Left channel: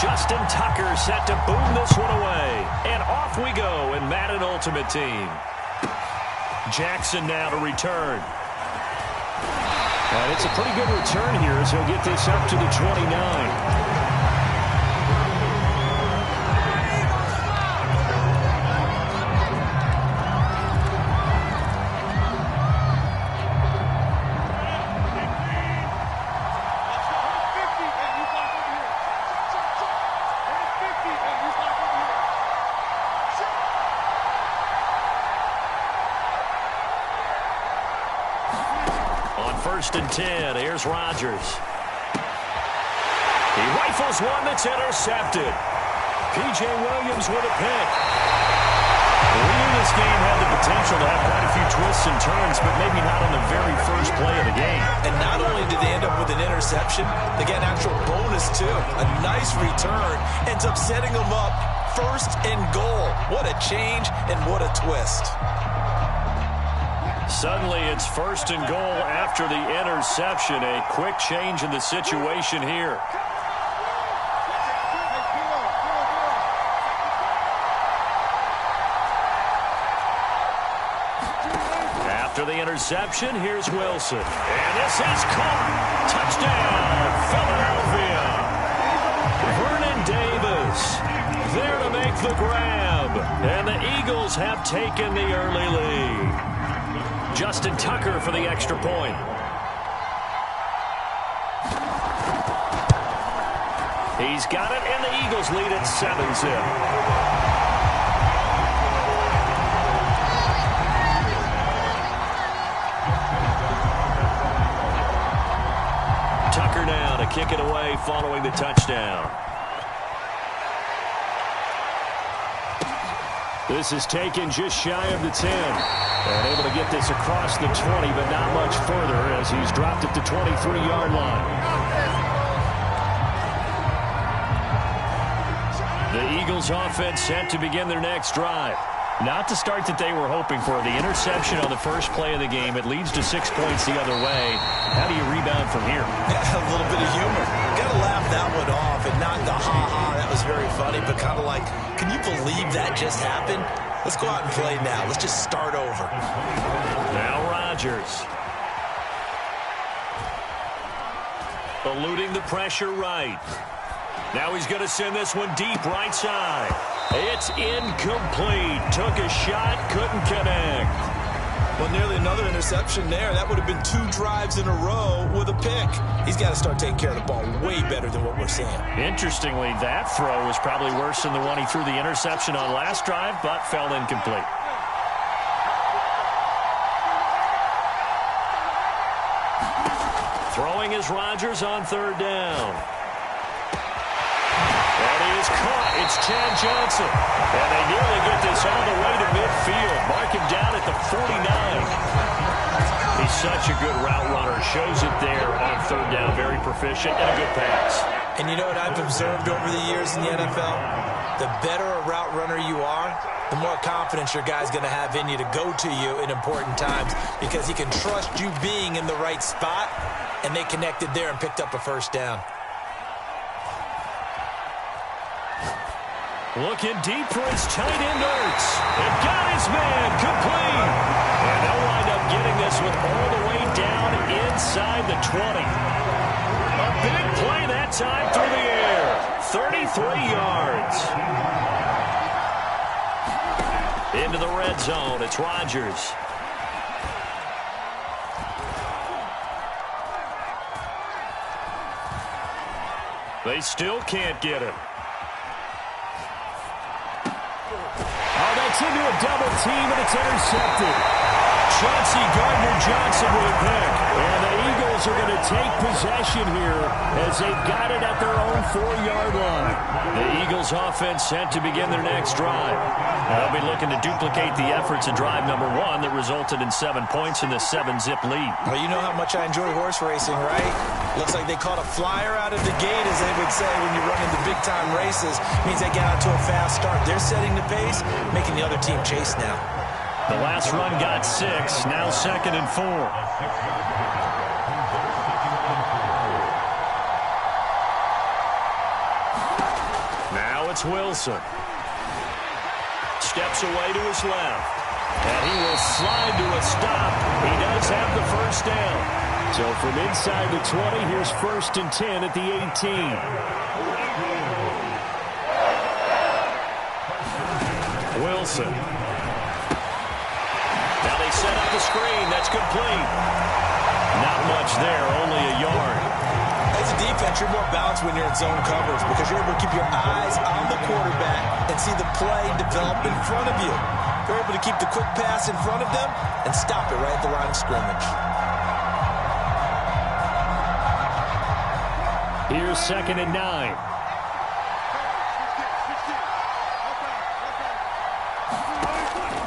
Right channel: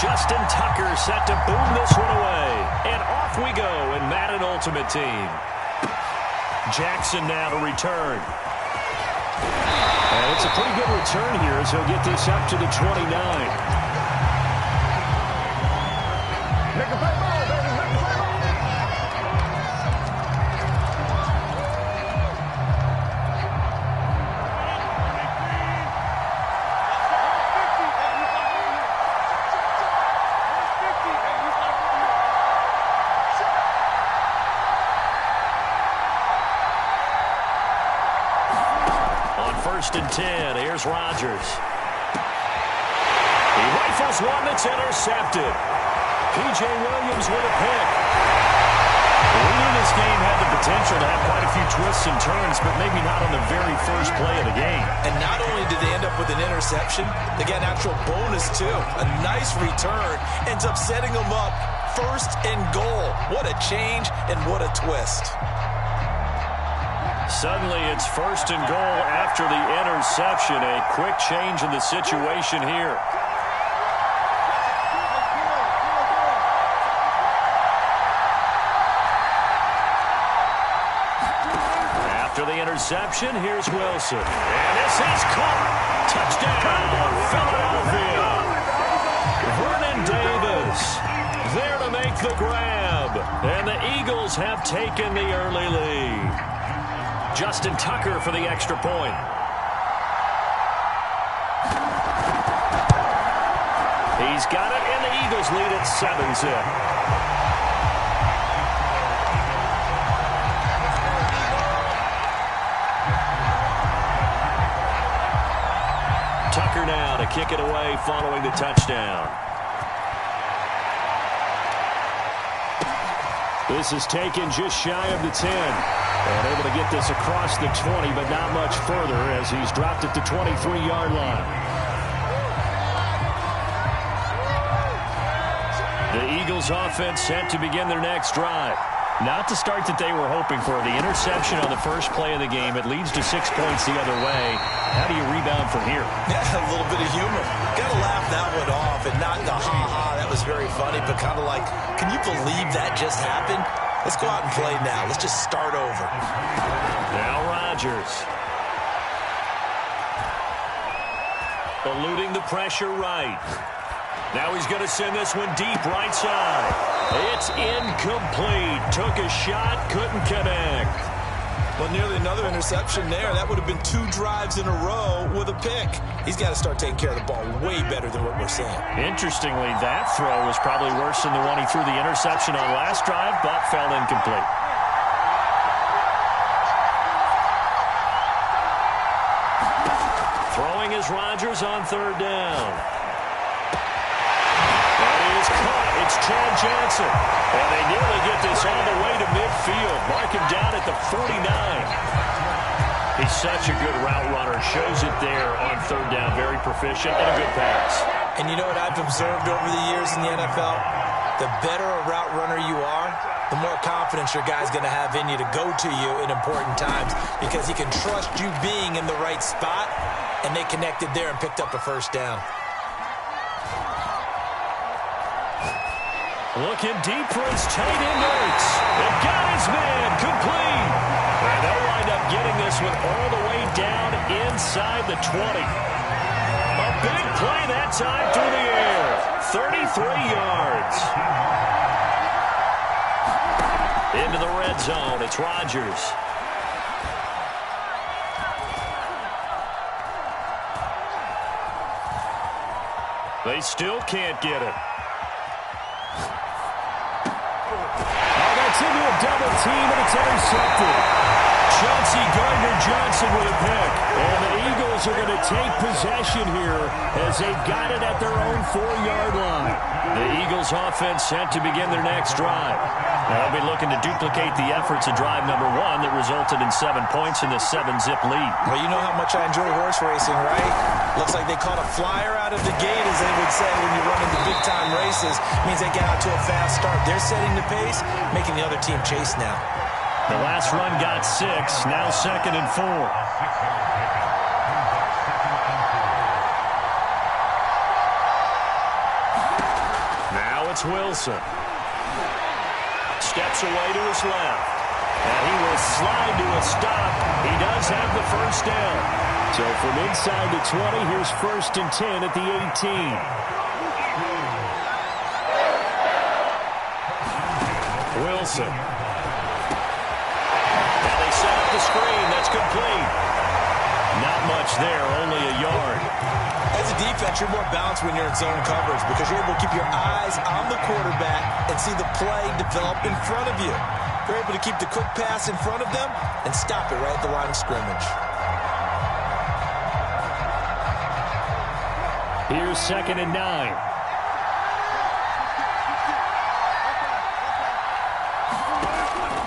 Justin Tucker set to boom this one away. And off we go in Madden Ultimate Team. Jackson now to return. And it's a pretty good return here as he'll get this up to the 29. First and 10. Here's Rodgers. He rifles one that's intercepted. P.J. Williams with a pick. We knew this game had the potential to have quite a few twists and turns, but maybe not on the very first play of the game. And not only did they end up with an interception, they got an actual bonus, too. A nice return ends up setting them up first and goal. What a change and what a twist. Suddenly it's first and goal after the interception. A quick change in the situation here. After the interception, here's Wilson. And this is caught. Touchdown, Philadelphia. Vernon Davis there to make the grab. And the Eagles have taken the early lead. Justin Tucker for the extra point. He's got it, and the Eagles lead at 7-zip. Tucker now to kick it away following the touchdown. This is taken just shy of the 10. And able to get this across the 20, but not much further as he's dropped at the 23-yard line. The Eagles offense set to begin their next drive. Not the start that they were hoping for. The interception on the first play of the game. It leads to 6 points the other way. How do you rebound from here? Yeah, a little bit of humor. Got to laugh that one off and not the ha-ha. That was very funny, but kind of like, can you believe that just happened? Let's go out and play now. Let's just start over. Now Rodgers. Eluding the pressure right. Now he's going to send this one deep right side. It's incomplete. Took a shot, couldn't connect. Well, nearly another interception there. That would have been 2 drives in a row with a pick. He's got to start taking care of the ball way better than what we're seeing. Interestingly, that throw was probably worse than the one he threw the interception on last drive, but fell incomplete. Throwing is Rodgers on third down. That is caught. It's Chad Johnson. And they nearly get this all the way to midfield. Mark him down at the 49. He's such a good route runner. Shows it there on third down. Very proficient and a good pass. And you know what I've observed over the years in the NFL? The better a route runner you are, the more confidence your guy's going to have in you to go to you in important times because he can trust you being in the right spot, and they connected there and picked up a first down. Looking deep for his tight end Ertz. They've got his man complete. And they'll wind up getting this one all the way down inside the 20. A big play that time through the air. 33 yards. Into the red zone. It's Rodgers. They still can't get him. It's into a double team, and it's intercepted. Chauncey Gardner-Johnson with a pick. And the Eagles are going to take possession here as they've got it at their own 4-yard line. The Eagles offense set to begin their next drive. They'll be looking to duplicate the efforts of drive number 1 that resulted in 7 points in the 7-zip lead. Well, you know how much I enjoy horse racing, right? Looks like they caught a flyer out of the gate, as they would say when you're running the big-time races. Means they get out to a fast start. They're setting the pace, making the other team chase now. The last run got 6, now 2nd and 4. Now it's Wilson. Steps away to his left. And he will slide to a stop. He does have the first down. So from inside the 20, here's 1st and 10 at the 18. Wilson. Now they set up the screen. That's complete. Not much there, only a yard. As a defense, you're more balanced when you're in zone coverage because you're able to keep your eyes on the quarterback and see the play develop in front of you. You're able to keep the quick pass in front of them and stop it right at the line of scrimmage. Here's 2nd and 9.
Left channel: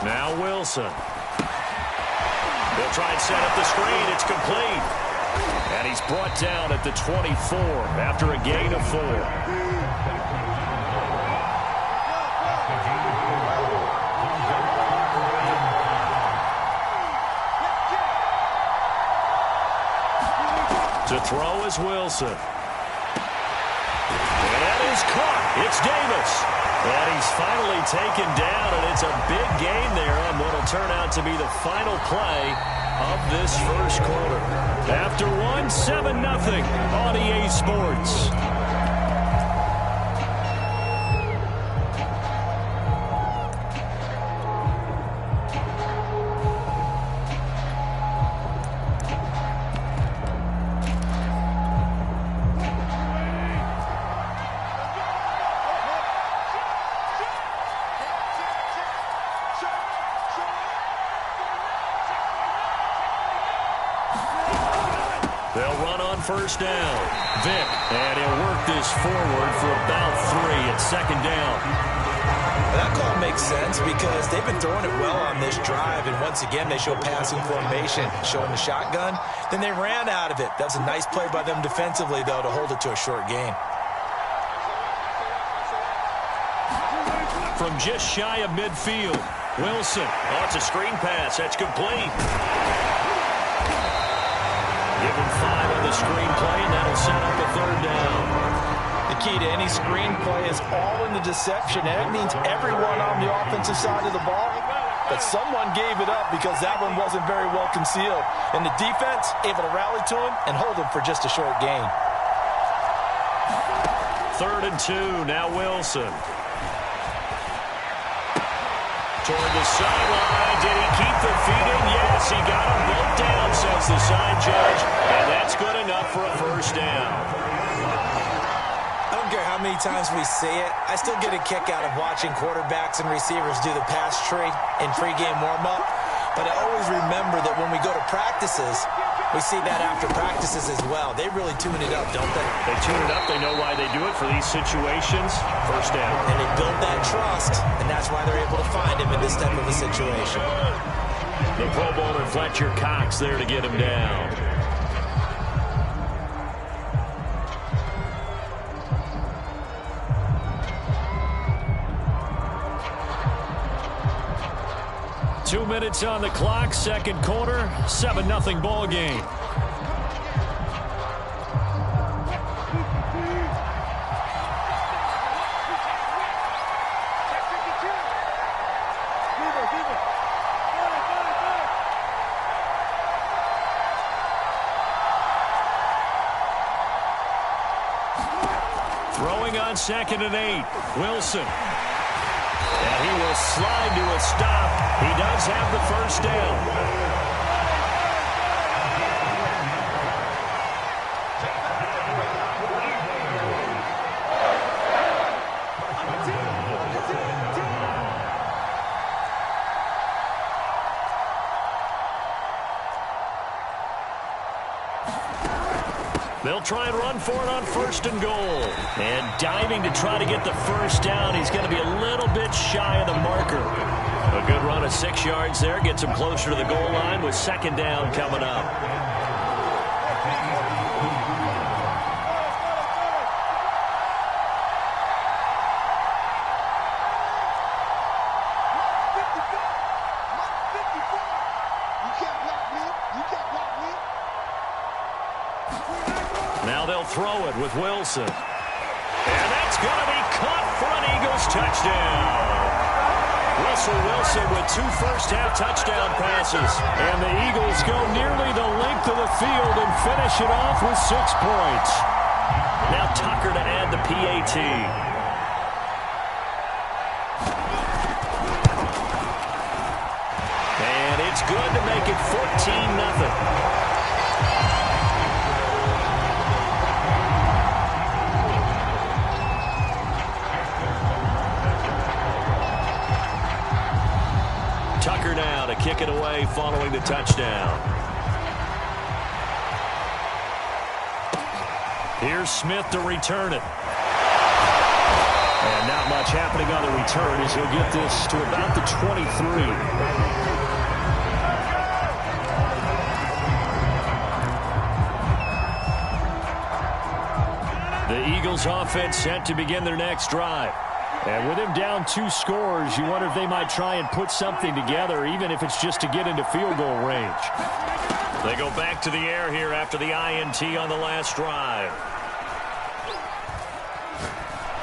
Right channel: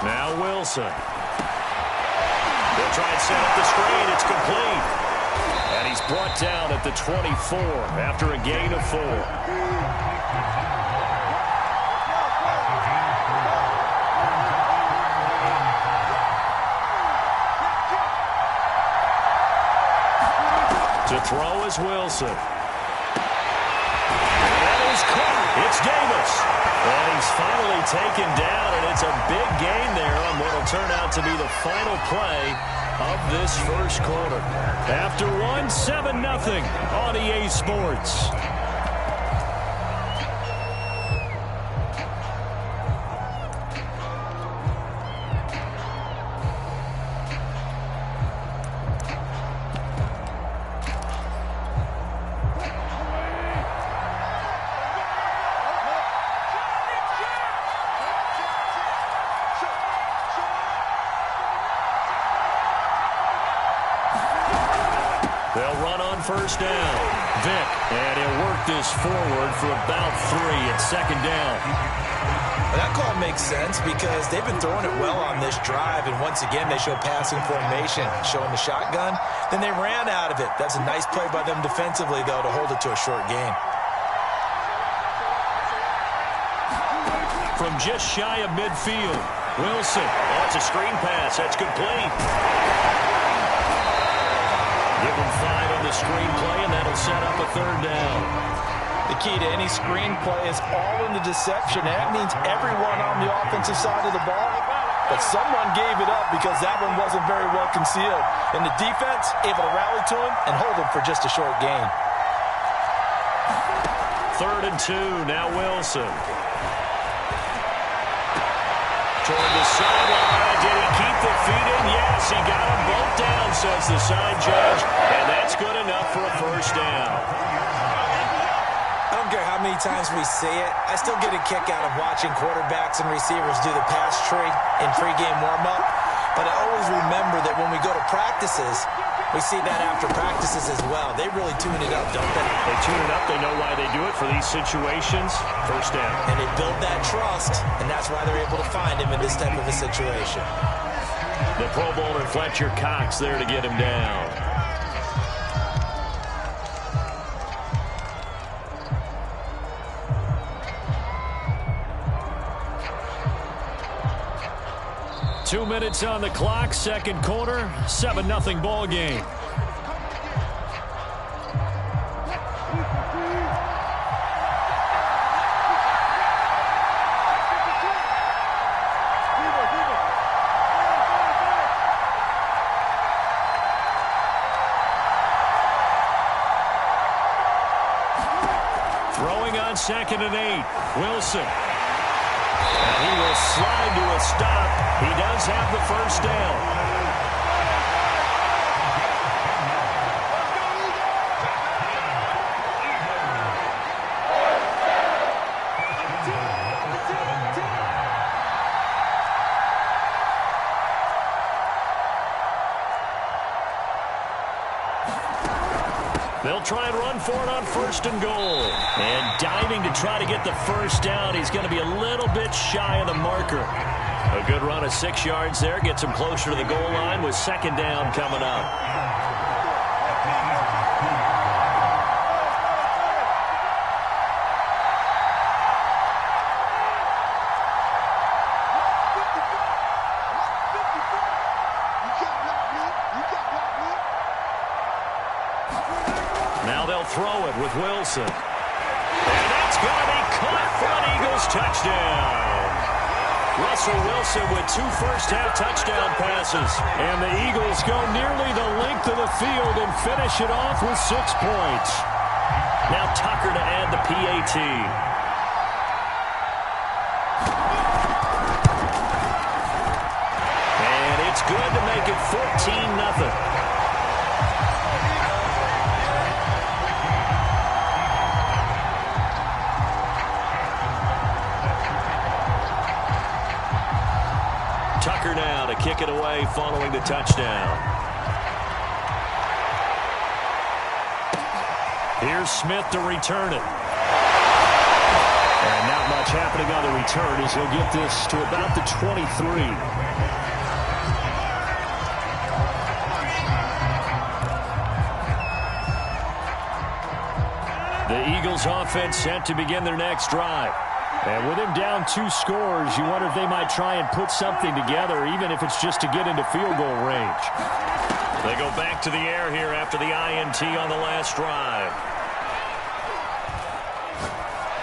Now Wilson. They'll try and set up the screen. It's complete. And he's brought down at the 24 after a gain of 4. To throw is Wilson. And that is caught. It's Davis. And he's finally taken down, and it's a big gain there on what will turn out to be the final play of this first quarter. After 7-0 on EA Sports. They'll run on first down. Vick, and he'll work this forward for about 3 at 2nd down. Well, that call makes sense because they've been throwing it well on this drive, and once again they show passing formation, showing the shotgun. Then they ran out of it. That's a nice play by them defensively, though, to hold it to a short gain. From just shy of midfield, Wilson. Oh, it's a screen pass. That's complete. Give him 5 on the screen play, and that'll set up a 3rd down. The key to any screen play is all in the deception. That means everyone on the offensive side of the ball, but someone gave it up because that one wasn't very well concealed. And the defense able to rally to him and hold him for just a short gain. 3rd and 2, now Wilson. Toward the sideline. Did he keep the feet in? Yes, he got them both down, says the side judge. And that's good enough for a first down. I don't care how many times we see it. I still get a kick out of watching quarterbacks and receivers do the pass tree in pregame warm-up. But I always remember that when we go to practices, we see that after practices as well. They really tune it up, don't they? They tune it up. They know why they do it for these situations. First down. And they build that trust, and that's why they're able to find him in this type of a situation. The Pro Bowler Fletcher Cox there to get him down. Two minutes on the clock, second quarter, 7-0 ball game. Throwing on 2nd and 8, Wilson. And he will slide to a stop. He does have the first down. They'll try and run for it on 1st and goal. And diving to try to get the first down. He's going to be a little bit shy of the marker. A good run of 6 yards there. Gets him closer to the goal line with 2nd down coming up. Now they'll throw it with Wilson. And that's going to be caught for an Eagles touchdown. Russell Wilson with 2 first-half touchdown passes. And the Eagles go nearly the length of the field and finish it off with 6 points. Now Tucker to add the PAT. And it's good to make it 14-0. Tucker now to kick it away following the touchdown. Here's Smith to return it. And not much happening on the return as he'll get this to about the 23. The Eagles offense set to begin their next drive. And with him down 2 scores, you wonder if they might try and put something together, even if it's just to get into field goal range. They go back to the air here after the INT on the last drive.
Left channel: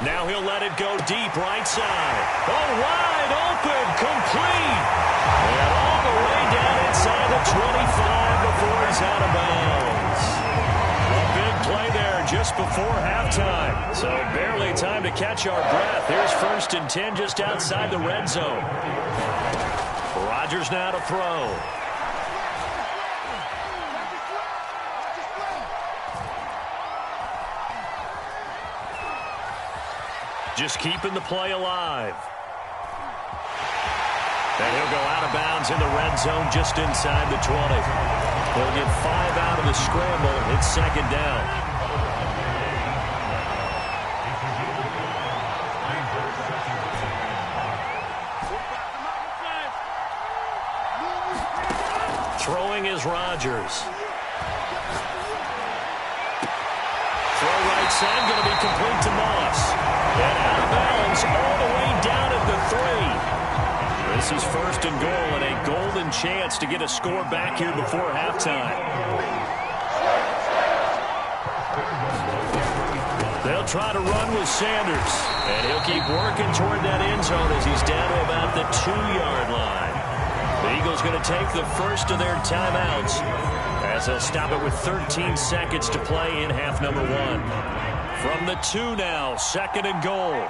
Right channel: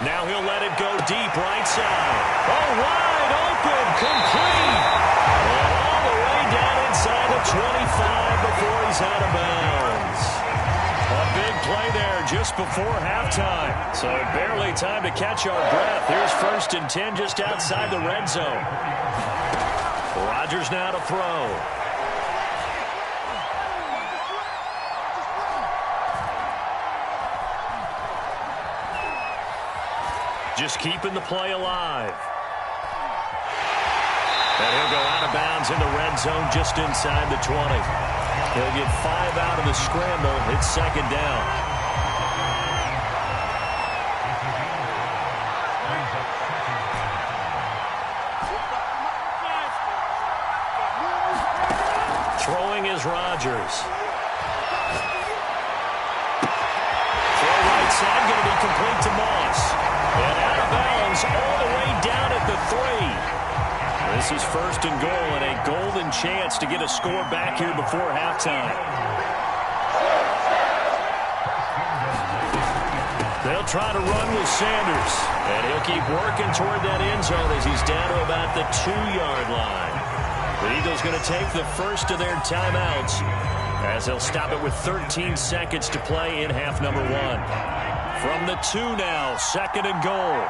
Now he'll let it go deep right side. Oh, wide open, complete. And all the way down inside the 25 before he's out of bounds. A big play there just before halftime. So barely time to catch our breath. Here's 1st and 10 just outside the red zone. Rodgers now to throw. Just keeping the play alive. And he'll go out of bounds in the red zone just inside the 20. He'll get 5 out of the scramble. It's 2nd down. Throwing is Rodgers. Throw right side, going to be complete to Moss. And out of bounds all the way down at the 3. This is 1st and goal and a golden chance to get a score back here before halftime. They'll try to run with Sanders. And he'll keep working toward that end zone as he's down to about the 2-yard line. The Eagles going to take the first of their timeouts as they'll stop it with 13 seconds to play in half number 1. From the 2 now, 2nd and goal.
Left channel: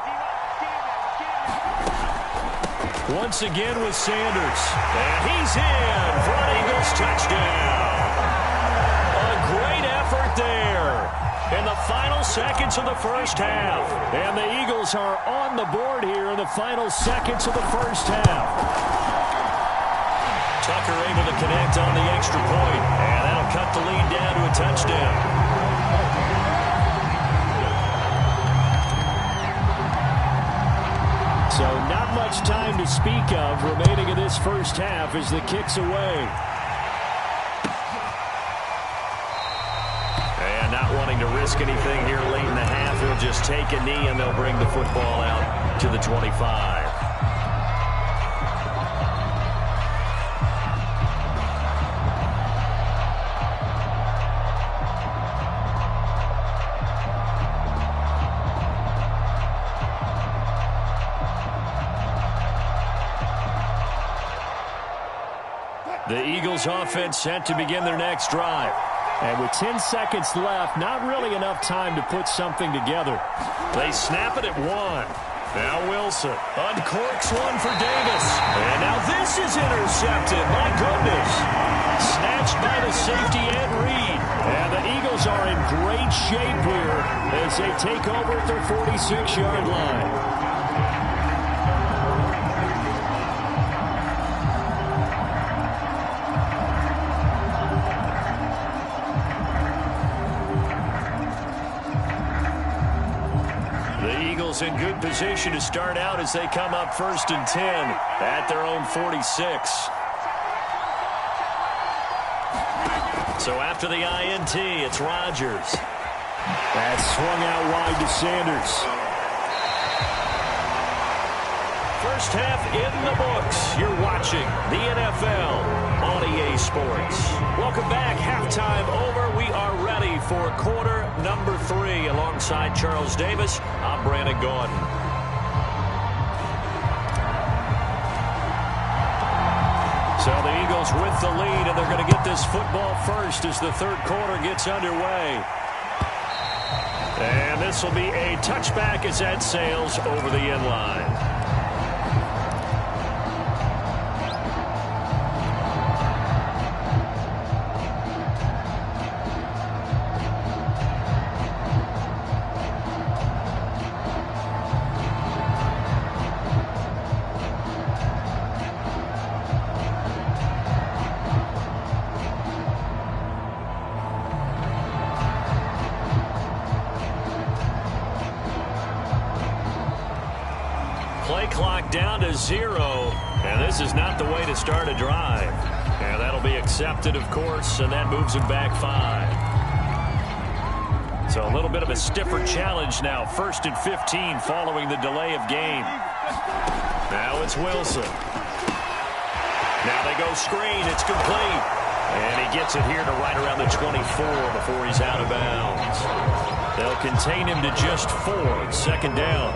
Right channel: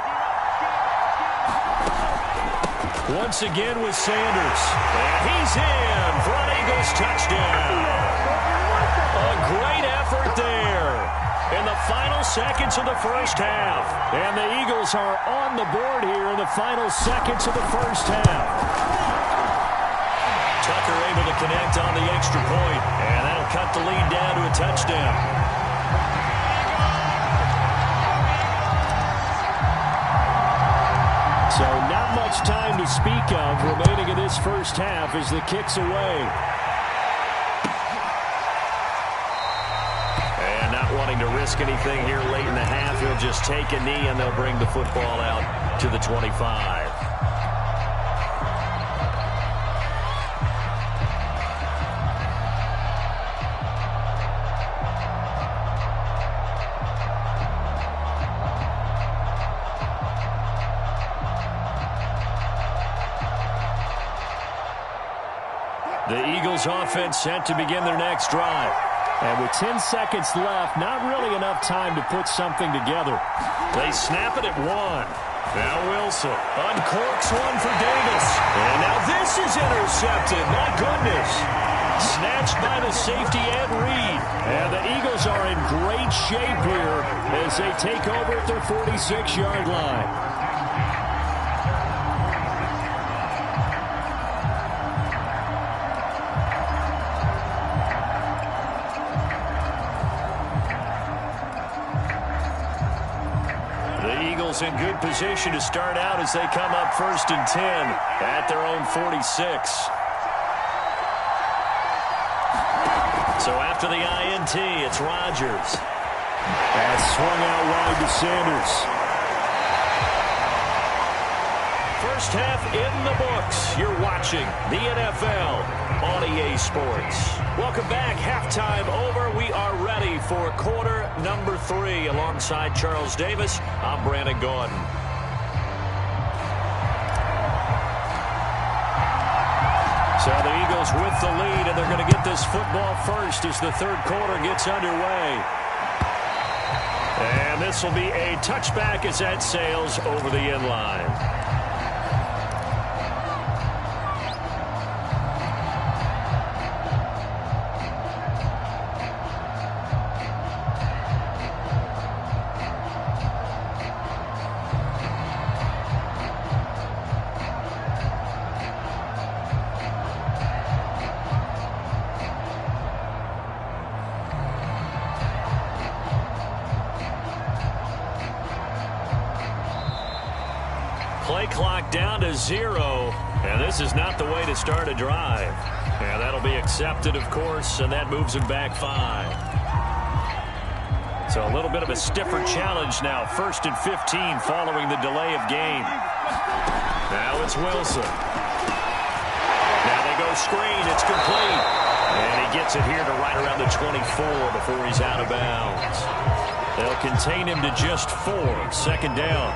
Once again with Sanders. And he's in for an Eagles touchdown. A great effort there in the final seconds of the first half. And the Eagles are on the board here in the final seconds of the first half. Tucker able to connect on the extra point. And that'll cut the lead down to a touchdown. So not much time to speak of remaining in this first half as the kick's away. And not wanting to risk anything here late in the half, he'll just take a knee and they'll bring the football out to the 25. The Eagles offense set to begin their next drive. And with 10 seconds left, not really enough time to put something together. They snap it at 1. Now Wilson uncorks one for Davis. And now this is intercepted. My goodness. Snatched by the safety Ed Reed. And the Eagles are in great shape here as they take over at their 46-yard line. In good position to start out as they come up 1st and 10 at their own 46. So after the INT, it's Rodgers. That's swung out wide to Sanders. First half in the books. You're watching the NFL on EA Sports. Welcome back. Halftime over. We are ready for quarter number 3. Alongside Charles Davis, I'm Brandon Gaudin. So the Eagles with the lead, and they're going to get this football first as the third quarter gets underway. And this will be a touchback as that sails over the end line. Play clock down to 0, and this is not the way to start a drive. And that'll be accepted, of course, and that moves him back 5. So a little bit of a stiffer challenge now. 1st and 15 following the delay of game. Now it's Wilson. Now they go screen. It's complete. And he gets it here to right around the 24 before he's out of bounds. They'll contain him to just 4. 2nd down.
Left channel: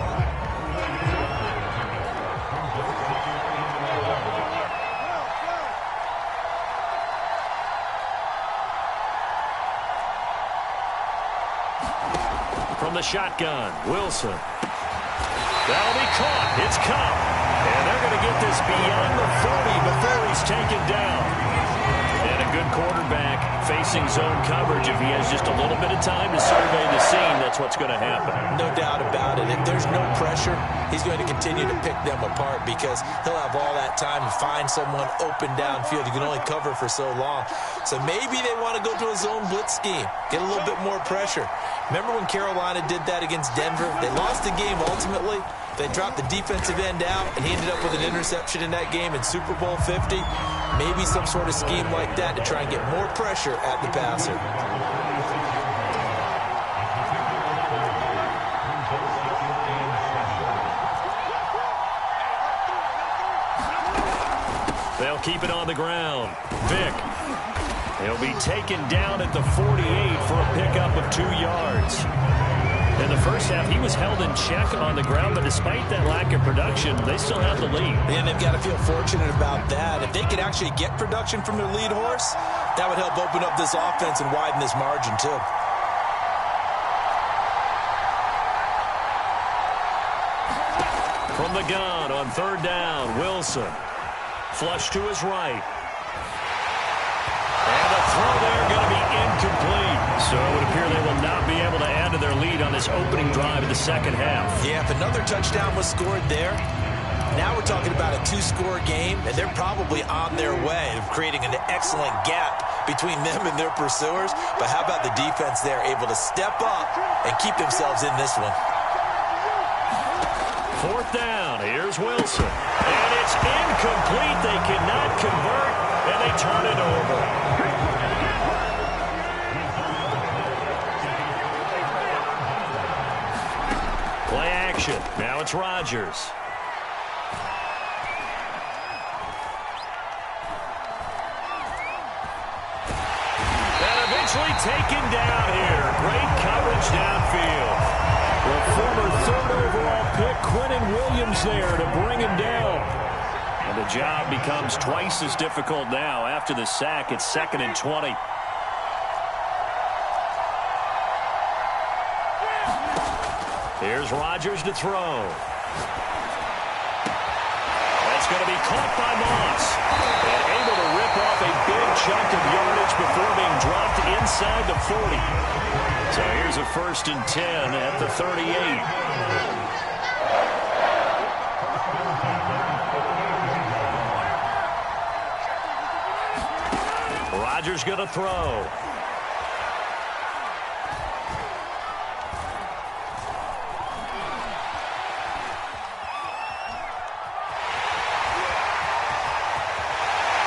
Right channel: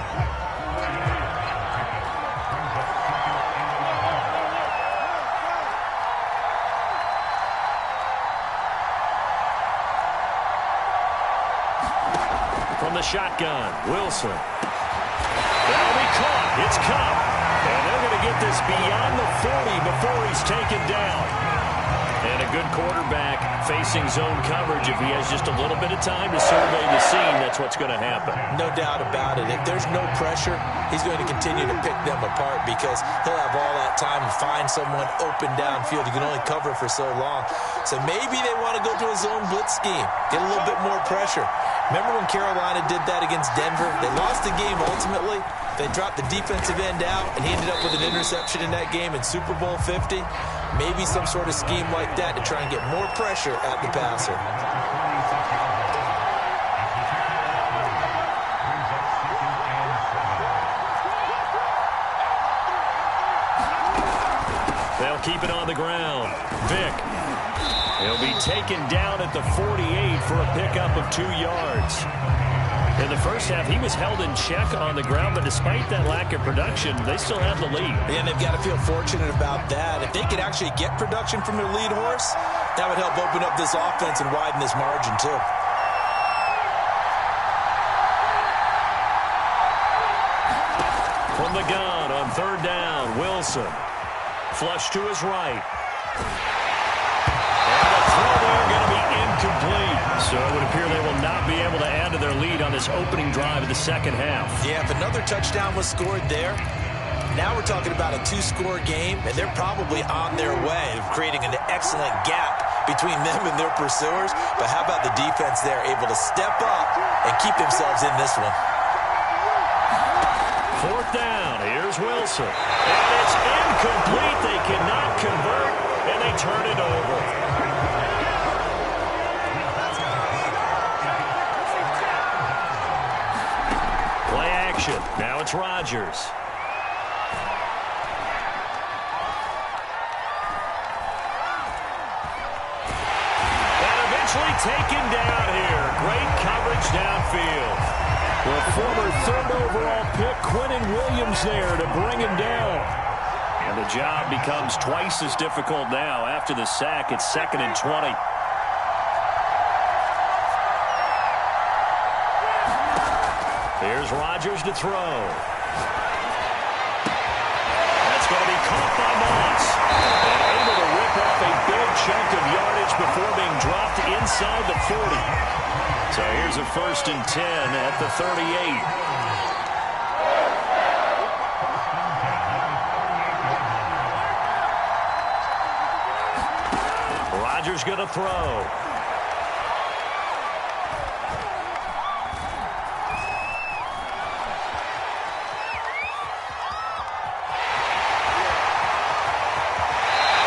From the shotgun, Wilson. That'll be caught. It's come. And they're going to get this beyond the 40 before he's taken down. And a good quarterback facing zone coverage. If he has just a little bit of time to survey the scene, that's what's going to happen. No doubt about it. If there's no pressure, he's going to continue to pick them apart because he'll have all that time to find someone open downfield. You can only cover for so long. So maybe they want to go to a zone blitz scheme, get a little bit more pressure. Remember when Carolina did that against Denver? They lost the game ultimately. They dropped the defensive end out, and he ended up with an interception in that game in Super Bowl 50. Maybe some sort of scheme like that to try and get more pressure at the passer. They'll keep it on the ground. Vick. He'll be taken down at the 48 for a pickup of 2 yards. In the first half, he was held in check on the ground, but despite that lack of production, they still have the lead. And they've got to feel fortunate about that. If they could actually get production from their lead horse, that would help open up this offense and widen this margin, too. From the gun on 3rd down, Wilson. Flush to his right. And the throw there going to be incomplete. So it would appear they will not be able to add to their lead on this opening drive of the second half. Yeah, if another touchdown was scored there, now we're talking about a 2-score game, and they're probably on their way of creating an excellent gap between them and their pursuers. But how about the defense there, able to step up and keep themselves in this one? 4th down. Here's Wilson. And it's incomplete. They cannot convert, and they turn it over. Play action. Now it's Rodgers. And eventually taken down here. Great coverage downfield. The former 3rd overall pick, Quinnen Williams, there to bring him down. And the job becomes twice as difficult now. After the sack, it's 2nd and 20. Here's Rodgers to throw. That's going to be caught by Moss. And able to rip off a big chunk of yardage before being dropped inside the 40. So here's a 1st and 10 at the 38. Rodgers going to throw.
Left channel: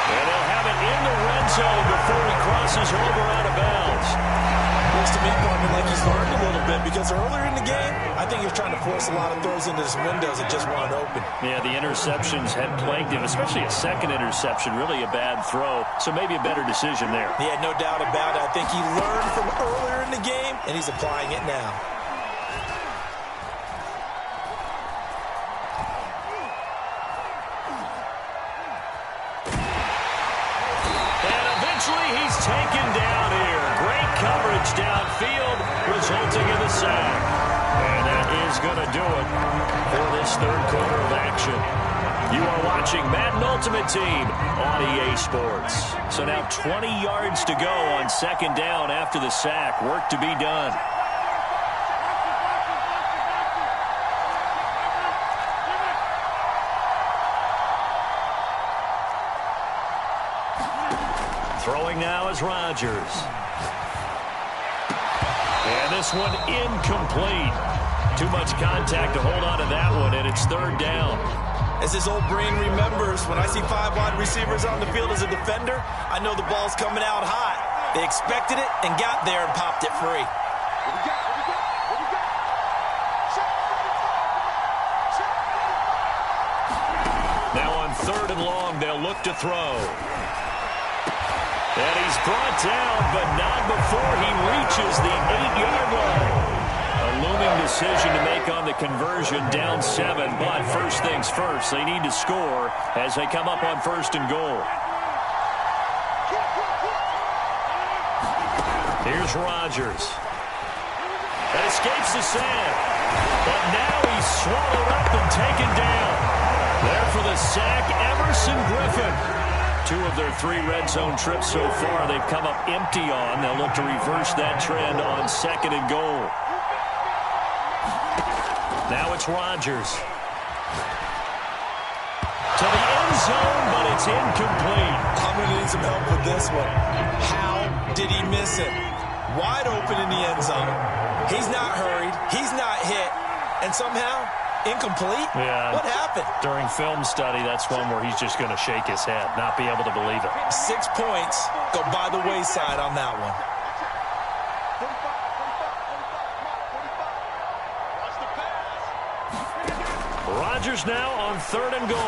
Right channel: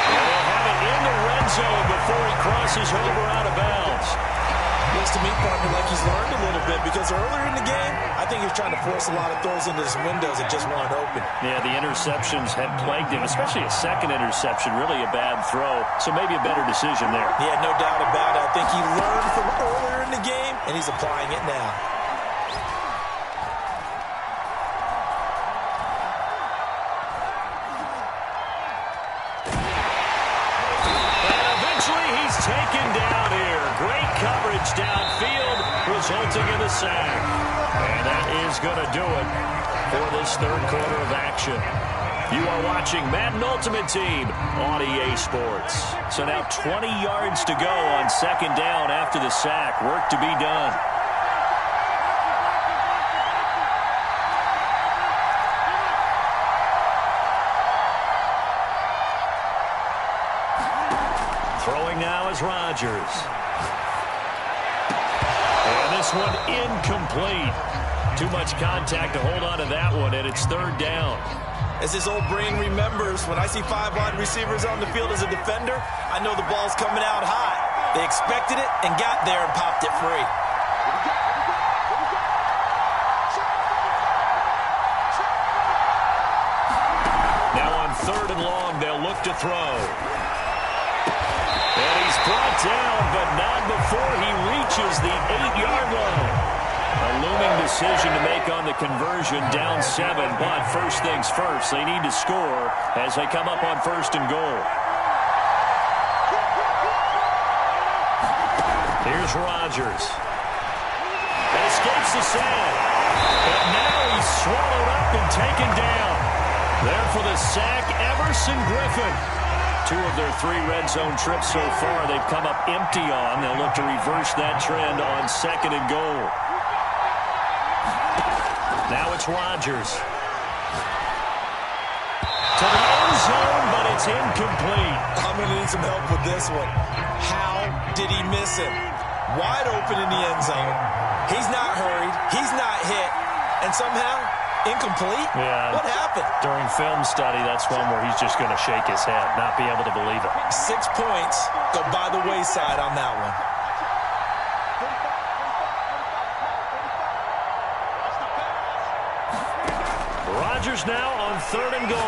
And they'll have it in the red zone before he crosses over out of bounds. Looks to me, partner, like he's learned a little bit because earlier in the game, I think he was trying to force a lot of throws into his windows that just weren't open. Yeah, the interceptions had plagued him, especially a second interception, really a bad throw. So maybe a better decision there. Yeah, no doubt about it. I think he learned from earlier in the game, and he's applying it now. He's taken down here. Great coverage downfield, resulting in the sack. And that is going to do it for this third quarter of action. You are watching Madden Ultimate Team on EA Sports. So now 20 yards to go on second down after the sack. Work to be done. Throwing now is Rodgers. And this one incomplete. Too much contact to hold on to that one, and it's third down. As his old brain remembers, when I see 5 wide receivers on the field as a defender, I know the ball's coming out hot. They expected it and got there and popped it free. Now on third and long, they'll look to throw. And he's brought down, but not before he reaches the 8-yard line. A looming decision to make on the conversion, down 7. But first things first, they need to score as they come up on first and goal. Here's Rodgers. That escapes the sack. But now he's swallowed up and taken down. There for the sack, Everson Griffin. 2 of their 3 red zone trips so far they've come up empty on. They'll look to reverse that trend on second and goal. Now it's Rodgers. To the end zone, but it's incomplete. I'm going to need some help with this one. How did he miss it? Wide open in the end zone. He's not hurried. He's not hit. And somehow, incomplete? Yeah. What happened? During film study, that's one where he's just going to shake his head, not be able to believe it. 6 points go by the wayside on that one. Rodgers now on third and goal.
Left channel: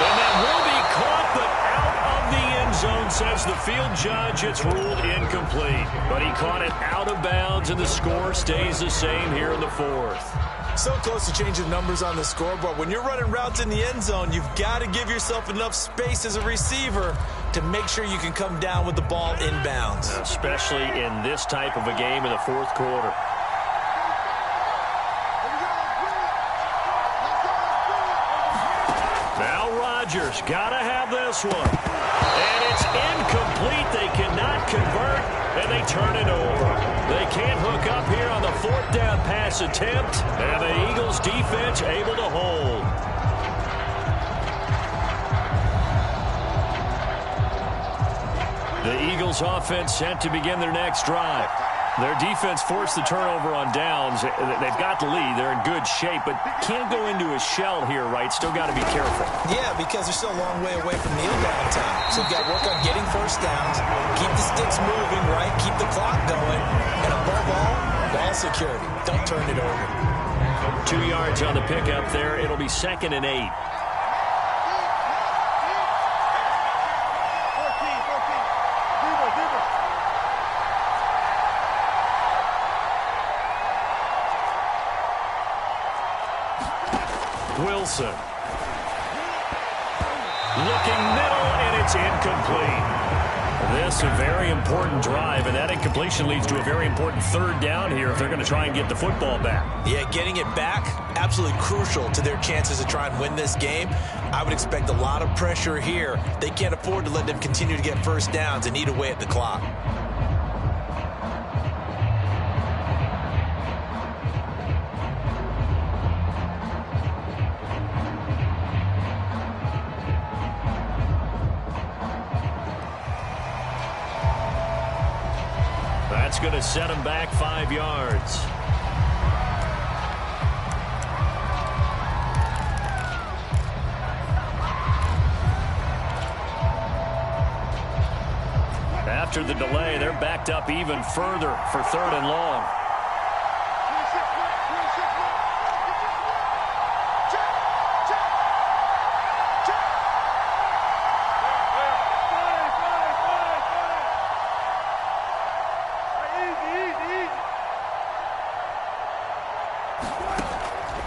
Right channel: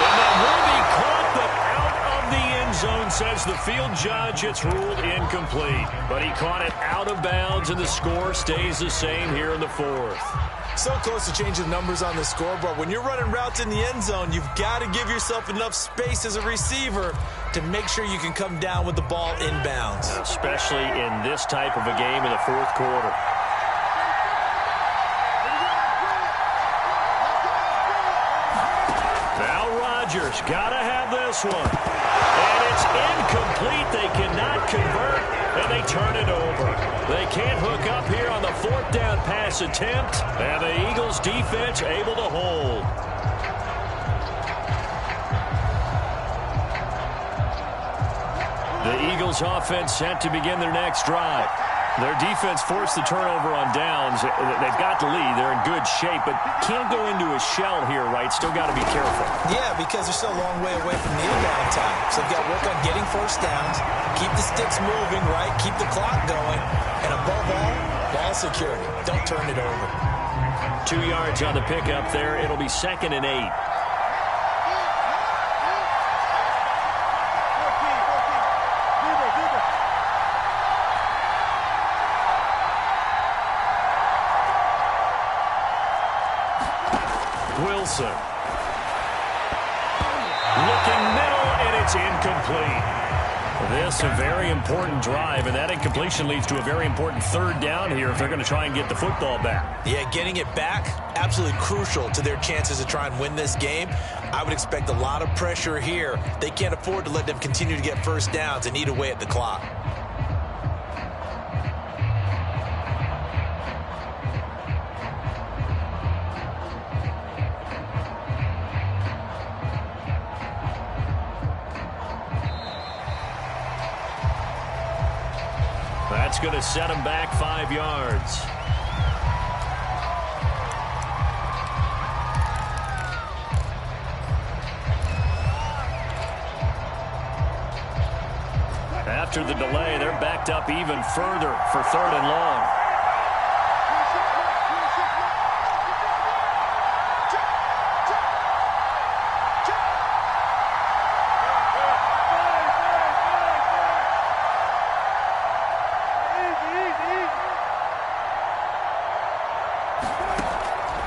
And that will be caught, but out of the end zone, says the field judge. It's ruled incomplete. But he caught it out of bounds, and the score stays the same here in the fourth. So close to changing numbers on the scoreboard. When you're running routes in the end zone, you've got to give yourself enough space as a receiver to make sure you can come down with the ball inbounds. Especially in this type of a game in the fourth quarter. Now Rodgers, got to have this one. And it's incomplete. They cannot convert, and they turn it over. They can't hook up here on the fourth down pass attempt, and the Eagles defense able to hold. The Eagles offense set to begin their next drive. Their defense forced the turnover on downs. They've got the lead. They're in good shape, but can't go into a shell here, right? Still got to be careful. Yeah, because they're still a long way away from kneel-down time. So they've got to work on getting first downs, keep the sticks moving, right? Keep the clock going. And above all, ball security. Don't turn it over. 2 yards on the pickup there. It'll be 2nd and 8. Wilson. Looking middle, and it's incomplete. This a very important drive, and that incompletion leads to a very important third down here if they're going to try and get the football back. Yeah, getting it back, absolutely crucial to their chances to try and win this game. I would expect a lot of pressure here. They can't afford to let them continue to get first downs and eat away at the clock. That's going to set him back 5 yards. After the delay, they're backed up even further for third and long.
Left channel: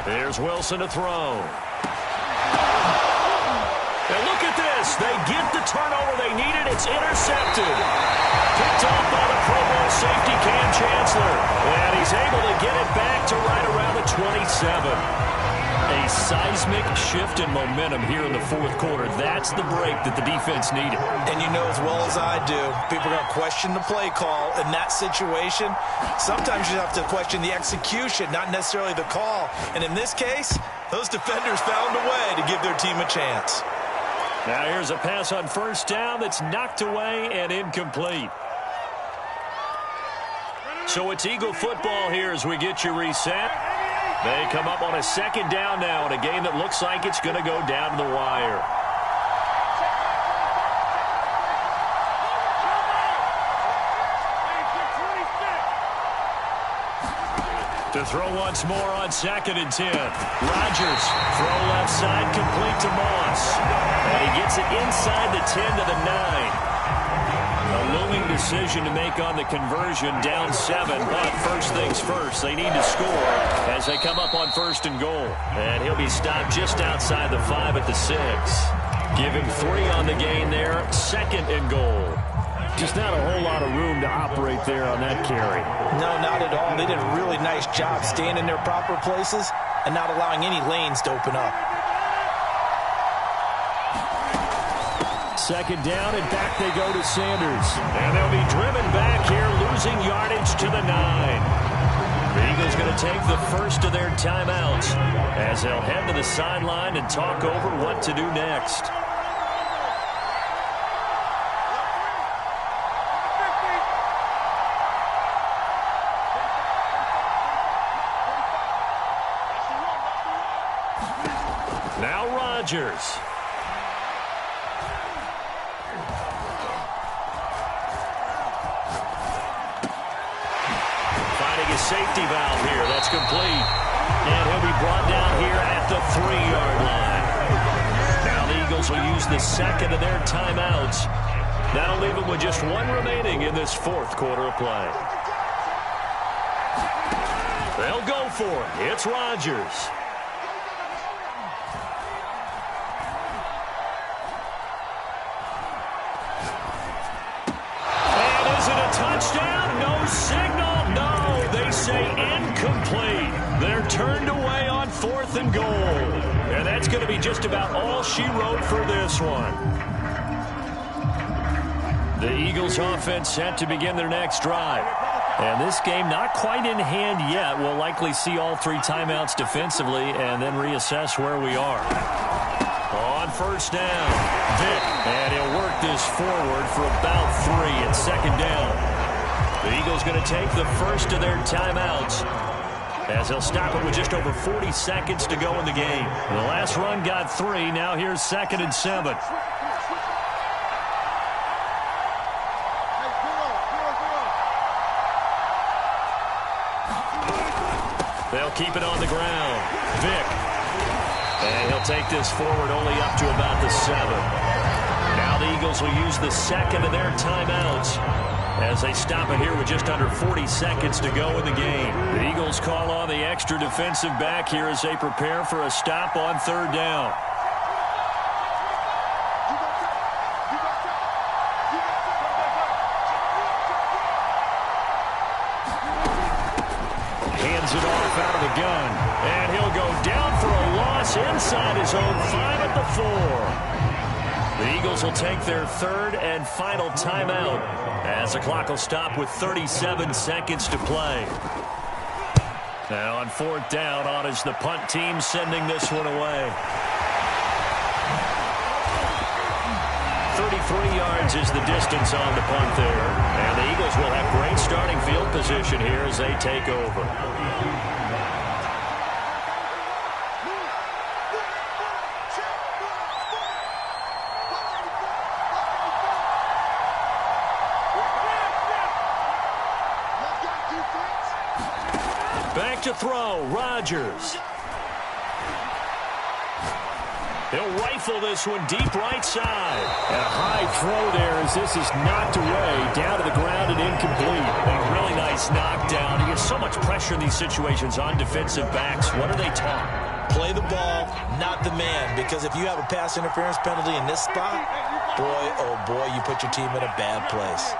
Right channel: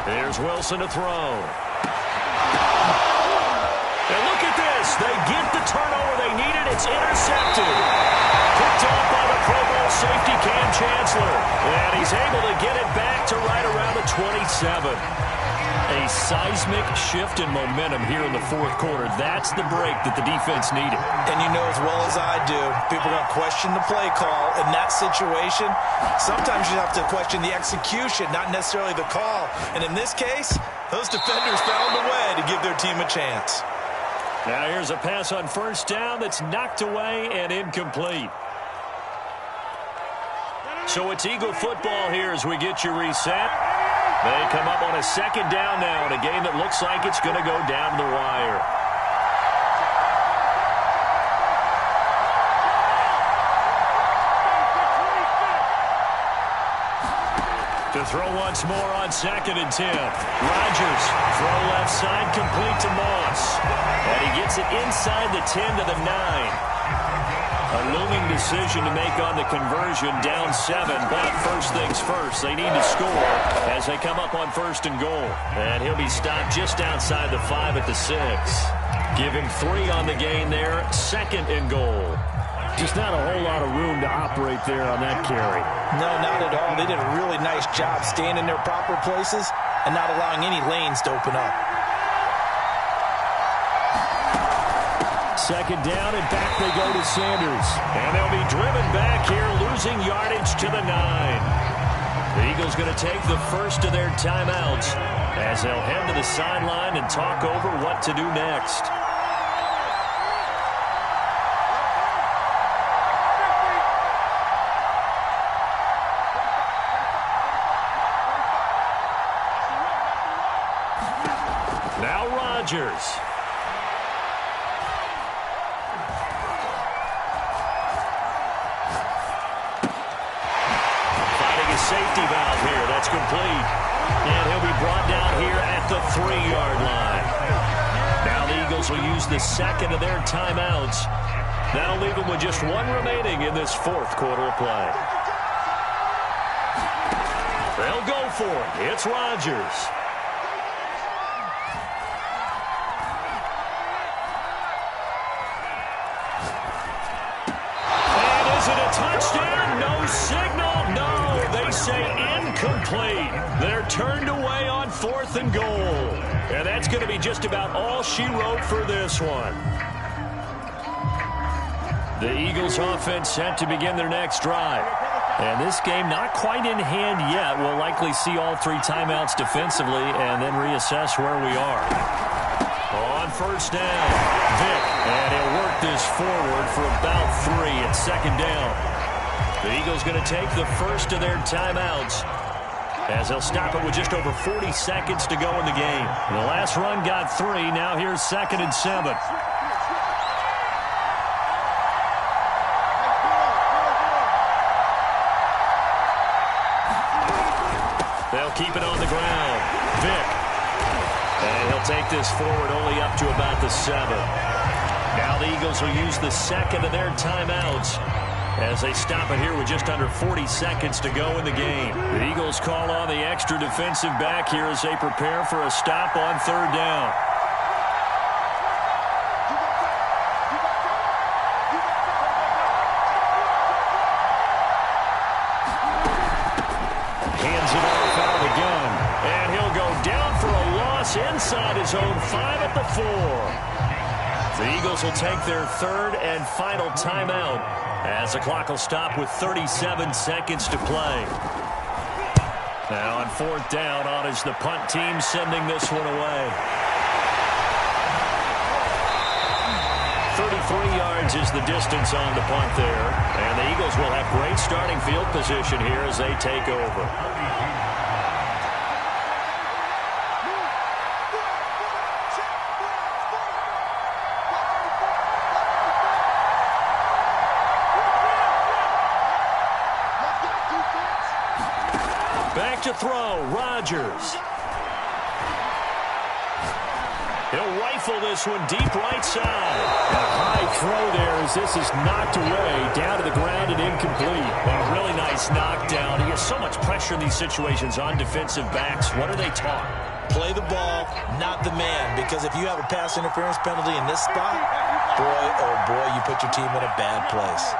Here's Wilson to throw. And look at this. They get the turnover they needed. It's intercepted. Picked off by the Pro Bowl safety Cam Chancellor. And he's able to get it back to right around the 27. A seismic shift in momentum here in the fourth quarter. That's the break that the defense needed. And you know as well as I do, people are going to question the play call in that situation. Sometimes you have to question the execution, not necessarily the call. And in this case, those defenders found a way to give their team a chance. Now here's a pass on first down that's knocked away and incomplete. So it's Eagle football here as we get you reset. They come up on a second down now in a game that looks like it's going to go down to the wire. To throw once more on 2nd and 10. Rodgers, throw left side, complete to Moss. And he gets it inside the 10 to the 9. A looming decision to make on the conversion, down 7. But first things first, they need to score as they come up on 1st and goal. And he'll be stopped just outside the 5 at the 6. Give him 3 on the gain there, 2nd and goal. Just not a whole lot of room to operate there on that carry. No, not at all. They did a really nice job staying in their proper places and not allowing any lanes to open up. 2nd down, and back they go to Sanders. And they'll be driven back here, losing yardage to the 9. The Eagles going to take the first of their timeouts as they'll head to the sideline and talk over what to do next. Now Rodgers. Finding a safety valve here. That's complete. And he'll be brought down here at the 3-yard line. Now the Eagles will use the 2nd of their timeouts. That'll leave them with just 1 remaining in this 4th quarter of play. They'll go for it. It's Rodgers. Touchdown, no signal, no, they say incomplete. They're turned away on 4th and goal. And that's going to be just about all she wrote for this one. The Eagles offense set to begin their next drive. And this game not quite in hand yet. We'll likely see all 3 timeouts defensively and then reassess where we are. On 1st down, Vick, and he'll work this forward for about 3 at 2nd down. The Eagles going to take the first of their timeouts as they'll stop it with just over 40 seconds to go in the game. The last run got 3. Now here's 2nd and 7. They'll keep it on the ground. Vick. And he'll take this forward only up to about the 7. Now the Eagles will use the 2nd of their timeouts as they stop it here with just under 40 seconds to go in the game. The Eagles call on the extra defensive back here as they prepare for a stop on 3rd down. Hands it off out of the gun. And he'll go down for a loss inside his own 5 at the 4. The Eagles will take their 3rd and final timeout as the clock will stop with 37 seconds to play. Now on 4th down, on is the punt team sending this one away. 33 yards is the distance on the punt there. And the Eagles will have great starting field position here as they take over. Back to throw, Rodgers. He'll rifle this one deep right side. And a high throw there as this is knocked away, down to the ground and incomplete. A really nice knockdown. He gets so much pressure in these situations on defensive backs. What are they taught? Play the ball, not the man, because if you have a pass interference penalty in this spot, boy, oh boy, you put your team in a bad place.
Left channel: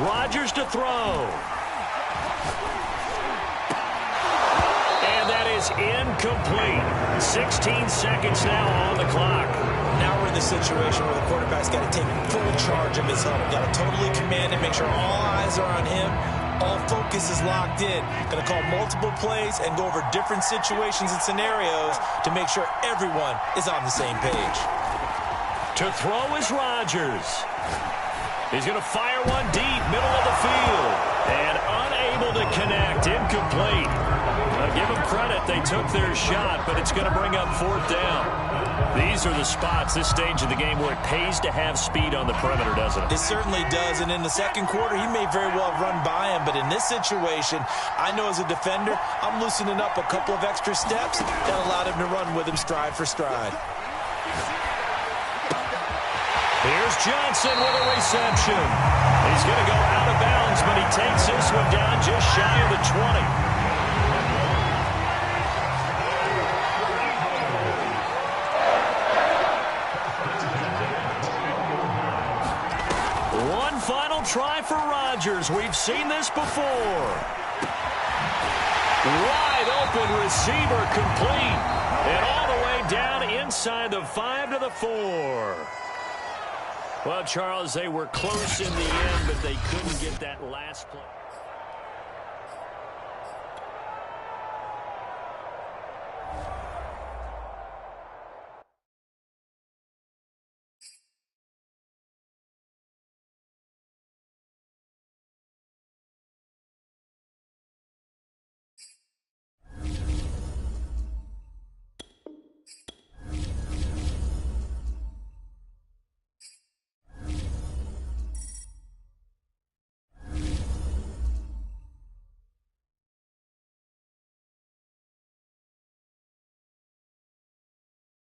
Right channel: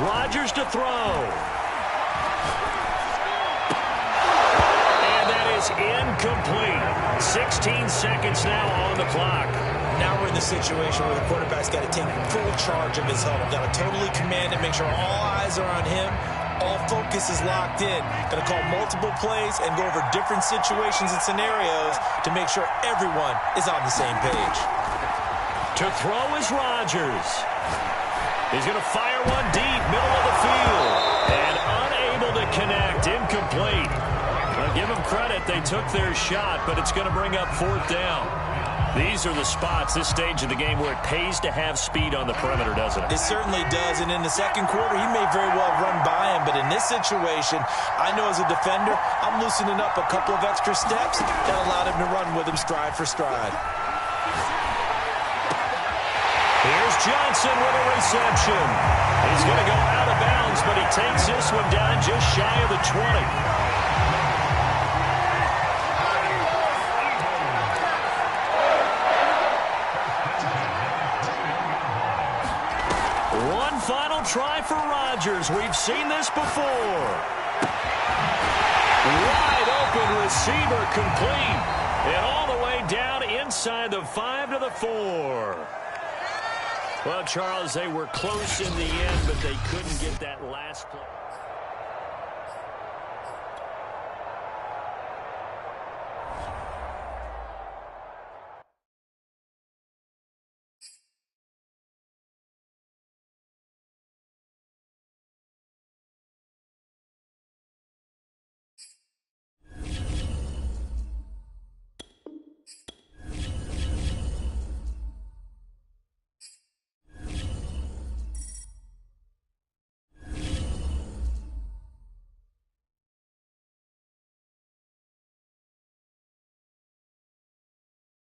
Rodgers to throw. And that is incomplete. 16 seconds now on the clock. Now we're in the situation where the quarterback's got to take full charge of his huddle. Got to totally command it, make sure all eyes are on him. All focus is locked in. Going to call multiple plays and go over different situations and scenarios to make sure everyone is on the same page. To throw is Rodgers. He's going to fire one deep, middle of the field. And unable to connect, incomplete. Give them credit, they took their shot, but it's going to bring up fourth down. These are the spots, this stage of the game, where it pays to have speed on the perimeter, doesn't it? It certainly does, and in the second quarter, he may very well have run by him, but in this situation, I know as a defender, I'm loosening up a couple of extra steps that allowed him to run with him stride for stride. Here's Johnson with a reception. He's going to go out of bounds, but he takes this one down just shy of the 20. One final try for Rodgers. We've seen this before. Wide open receiver complete. And all the way down inside the 5 to the 4. Well, Charles, they were close in the end, but they couldn't get that last play.